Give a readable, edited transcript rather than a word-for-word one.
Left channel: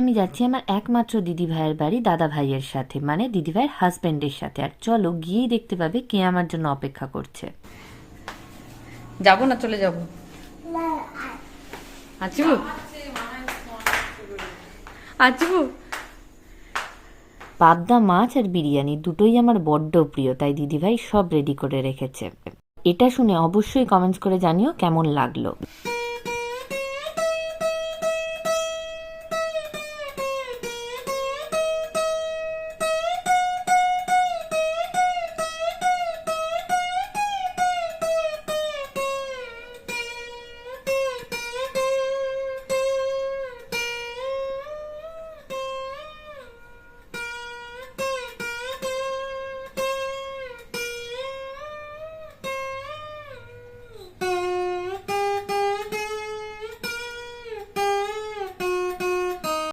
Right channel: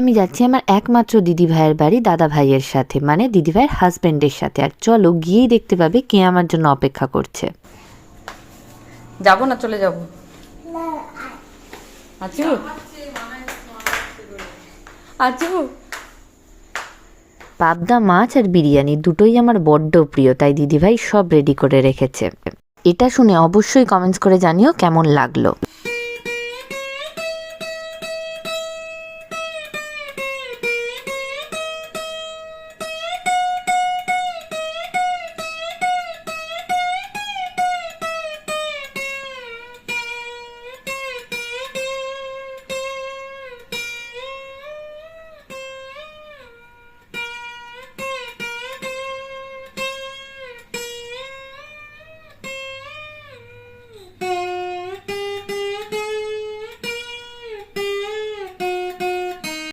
আমি যাচ্ছি আমার একমাত্র দিদিভাইয়ের বাড়ি দাদা ভাইয়ের সাথে, মানে দিদিভাইয়ের হাজব্যান্ডের সাথে। আর চলো গিয়েই দেখতে পাবে কে আমার জন্য অপেক্ষা করছে। যাবো না চলে যাবো? আচু আচু পাবদা মাছ আর বিরিয়ানি দুটোই আমার বড্ড প্রিয়, তাই দিদিভাই সব রেডি করে রেখেছে। এটা শুনে অবশ্যই কমেন্টস করে জানিও কেমন লাগলো।